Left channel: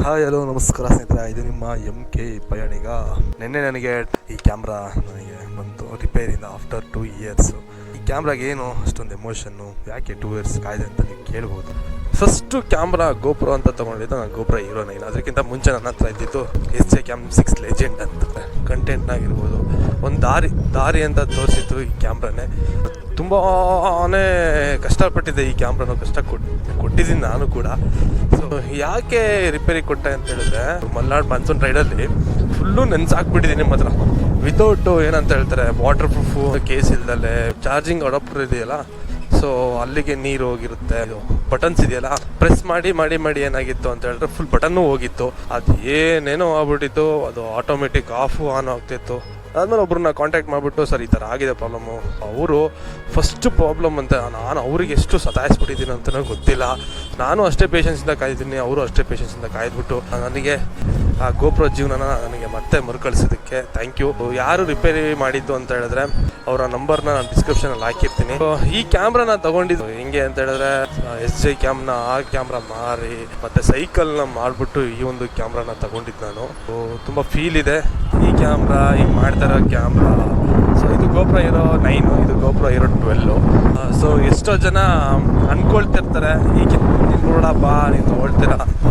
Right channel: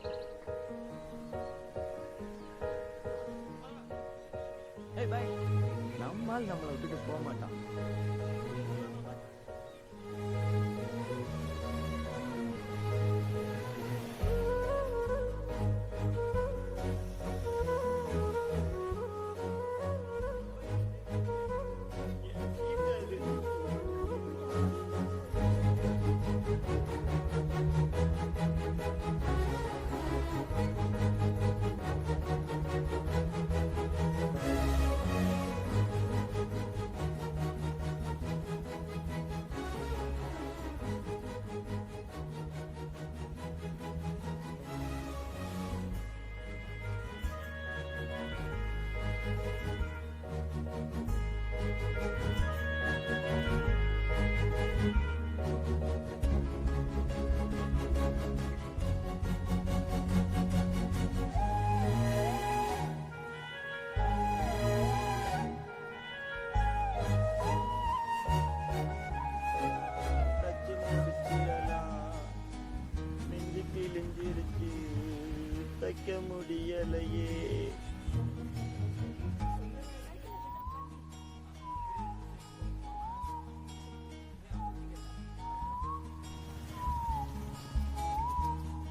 Hi hello ನಮಸ್ಕಾರ ಸ್ನೇಹಿತರೆ, ಇದು ನಿಮ್ಮ MK ಪಯಣಿಗ. ನಿನ್ನೆ ನನಗೆ ಈ ಕ್ಯಾಮ್ರಾ ನನಗೆ ಬಂತು ರಿಪೇರಿಯಿಂದ ಆಫ್ಟರ್ 2 ಇಯರ್ಸ್. ಈ ಕ್ಯಾಮ್ರಾಗೆ ಏನು ಅಷ್ಟೊಂದು ಎಮೋಷನ್ನು, ಯಾಕೆ 2 ಇಯರ್ಸ್ ಕಾಯ್ದೆ ಅಂತ ನೀವು ಕೇಳ್ಬೋದು. ಫಸ್ಟು ಕ್ಯಾಮ್ರಾ ಗೋಪ್ರೋ ಅಂತ ತೊಗೊಂಡಿದ್ದು ನಾನು ಗೋಪ್ರೋ ಹೀರೋ 9. ಅದಕ್ಕಿಂತ ಮುಂಚೆ ನನ್ನ ಹತ್ರ ಇದ್ದಿದ್ದು SJCam6 ಲೆಜೆಂಡ್ ಅಂತ. ಕಂಟೆಂಟ್ನಾಗಿರ್ಬೋದು, ಒಂದು ದಾರಿ ಅಂತ ತೋರಿಸಿತ್ತು ಈ ಕ್ಯಾಮ್ರಾನೇ. ತುಂಬಾ ಕಷ್ಟಪಟ್ಟಿದ್ದೆ ಈ ಕ್ಯಾಮ್ರಾನು, ಕೊಟ್ಟಿದ್ದೀನಿ ನಾನು ಕೂಡ. ಸೊ ಯಾಕೆ ರಿಪೇರಿ ಕೊಟ್ಟೆ ಅಂತ ಹೇಳಿದ್ರೆ, ಮಲ್ನಾಡ್ ಮಾನ್ಸೂನ್ ರೈಡಲ್ಲಿ ಫುಲ್ಲು ನೆನ್ಸಾಕ್ಬಿಟ್ಟಿದ್ದೀನಿ ಮಾತ್ರ. ವಿತೌಟ್ ಏನಂತ ಹೇಳ್ತಾರೆ, ವಾಟರ್ ಪ್ರೂಫು ಕೇಸ್ ಇಲ್ದಲೆ ಚಾರ್ಜಿಂಗ್ ಅಡಾಪ್ಟರ್ ಇದೆಯಲ್ಲ, ಸೊ ಅಲ್ಲಿಗೆ ನೀರು ಹೋಗಿರುತ್ತೆ. ಇದು ಬಟನ್ಸ್ ಇದೆಯಲ್ಲ, ಪ್ರೆಸ್ ಮಾಡಿ ಏನಾಗಿತ್ತು ಅಂತ ಹೇಳಿದ್ರೆ ಫುಲ್ ಬಟನ್ನು ಹೋಗಿತ್ತು. ಅದು ಏನೇನೋ ಆಗ್ಬಿಟ್ಟಿತ್ತು. ಅದು ಆಟೋಮೆಟಿಕ್ ಆಫು ಆನ್ ಆಗ್ತಿತ್ತು. ಅದಾದ್ಮೇಲೆ ಒಬ್ರನ್ನ ಕಾಂಟ್ಯಾಕ್ಟ್ ಮಾಡಿಬಿಟ್ಟು, ಸರ್ ಈ ಥರ ಆಗಿದೆ ಪ್ರಾಬ್ಲಮ್ಮು. ಅವರು ಫಸ್ಟ್ ಪ್ರಾಬ್ಲಮ್ ಅಂತ, ನಾನು ಅವ್ರಿಗೆ ಎಷ್ಟು ಸತಾಯಿಸ್ಬಿಟ್ಟಿದ್ದೀನಿ ಅಂತಲೂ ಗೊತ್ತಿಲ್ಲ. ನಾನು ಅಷ್ಟೇ ಪೇಷನ್ಸಿಂದ ಕಾಯ್ದಿದ್ದೀನಿ, ಅವರು ಅಷ್ಟೇ ಪೇಷನ್ಸಿಂದ ಕಾಯ್ದುಬಿಟ್ಟು ನನಗೆ ಆ ಗೋಪ್ರೋ ಜೀವನನ ನನಗೆ ಮತ್ತೆ ಮರುಕಳಿಸೋದಕ್ಕೆ ಥ್ಯಾಂಕ್ ಯು. ಯಾರು ರಿಪೇರಿ ಮಾಡಿದ್ದು ಅಂತ ಹೇಳಿದ್ರೆ ಅವರ ನಂಬರ್ನ ನಾನು ಡಿಸ್ಕ್ರಿಪ್ಷನಲ್ಲಿ ಹಾಕಿರ್ತೀನಿ. ಈ ಕ್ಯಾಮ್ರಾನ ತಗೊಂಡಿದ್ದು ಹೆಂಗೆ ಅಂತ ಹೇಳಿದ್ರೆ, SJCamನ ಆ ಕ್ಯಾಮ್ರಾ ಮಾರಿ ಮತ್ತೆ ಸೈಕಲ್ನ ಮಾಡಿಬಿಟ್ಟು ಈ ಒಂದು ಕ್ಯಾಮ್ರಾನ ತಗೊಂಡಿದ್ದು ನಾನು. ತುಂಬ ಫೀಲ್ ಇದೆ ಈ ಕ್ಯಾಮ್ರಾ, ಈಗ ಮಾಡ್ತಾ ಇರೋ ಕ್ಯಾಮ್ರಾ. ಸೊ ಇದು ಗೋಪ್ರೋ ಹೀರೋ 9, ಇದು ಗೋಪ್ರೋ ಹೀರೋ 12. ಸೊ ಎಷ್ಟೋ ಜನ ಅನ್ಕೊಳ್ತಿರ್ತಾರೆ, ಈಗ ನೀನು ನೋಡಪ್ಪ ನೀನು ತೊಗೊಳ್ತೀರಾ ಅಂತ.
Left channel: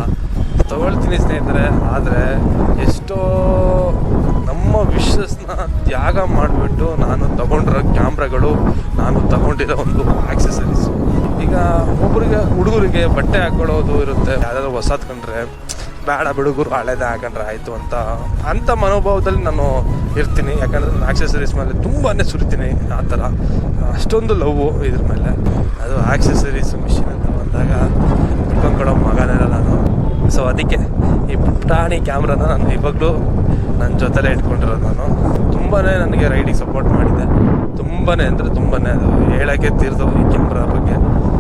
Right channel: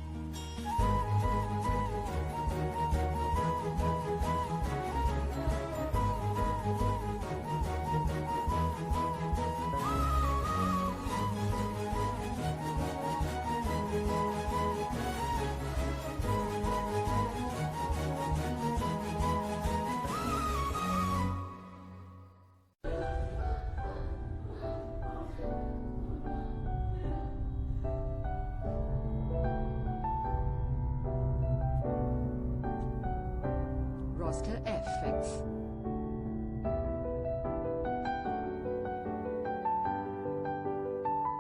ತೊಗೊಳ್ತೀನಿ ಸ್ನೇಹಿತರೆ, ಆದರೆ ಎಷ್ಟೋ ನಮ್ಮ ವಿಶ್ವಸ್ನ ತ್ಯಾಗ ಮಾಡಿಬಿಟ್ಟು ನಾನು ತಗೊಂಡಿರೋ ಕ್ಯಾಮ್ರಾಗಳು, ನಾನು ತಗೊಂಡಿರೋ ಒಂದು ಆಕ್ಸೆಸರೀಸ್. ಈಗ ಒಬ್ಬರಿಗೆ ಹುಡುಗರಿಗೆ ಬಟ್ಟೆ ಹಾಕೊಳ್ಳೋದು ಇರುತ್ತೆ, ಯಾವ್ದಾದ್ರು ಹೊಸದು ಕಂಡ್ರೆ ಬೇಡ ಹುಡುಗರು ಹಳೇದೇ ಹಾಕೊಂಡ್ರೆ ಆಯಿತು ಅಂತ ಮನೋಭಾವದಲ್ಲಿ ನಾನು ಇರ್ತೀನಿ. ಯಾಕಂದರೆ ನಾನು ಆಕ್ಸೆಸರೀಸ್ ಮೇಲೆ ತುಂಬಾ ಸುರಿತೀನಿ. ಆ ಥರ ಅಷ್ಟೊಂದು ಲವ್ವು ಇದ್ರ ಮೇಲೆ. ಅದು ಆಕ್ಸೆಸರೀಸ್ ಮಿಷಿನ್ ಅಂತ ಬಂದಾಗ ಬಿಟ್ಕೊಂಡು ಕೊಡೋ ಮಗನೆಲ್ಲ ನಾನು. ಸೊ ಅದಕ್ಕೆ ಈ ಪುಟಾಣಿ ಕ್ಯಾಮ್ರಾನ ನಾನು ಇವಾಗಲೂ ನನ್ನ ಜೊತೆಲೇ ಇಟ್ಕೊಂಡಿರೋದು. ನಾನು ತುಂಬಾ ನನಗೆ ರೈಡಿಗೆ ಸಪೋರ್ಟ್ ಮಾಡಿದೆ, ತುಂಬಾ ಅಂದರೆ ತುಂಬಾ. ಅದು ಹೇಳೋಕ್ಕೆ ತೀರ್ದು ಈ ಕ್ಯಾಮ್ರಾ ಬಗ್ಗೆ.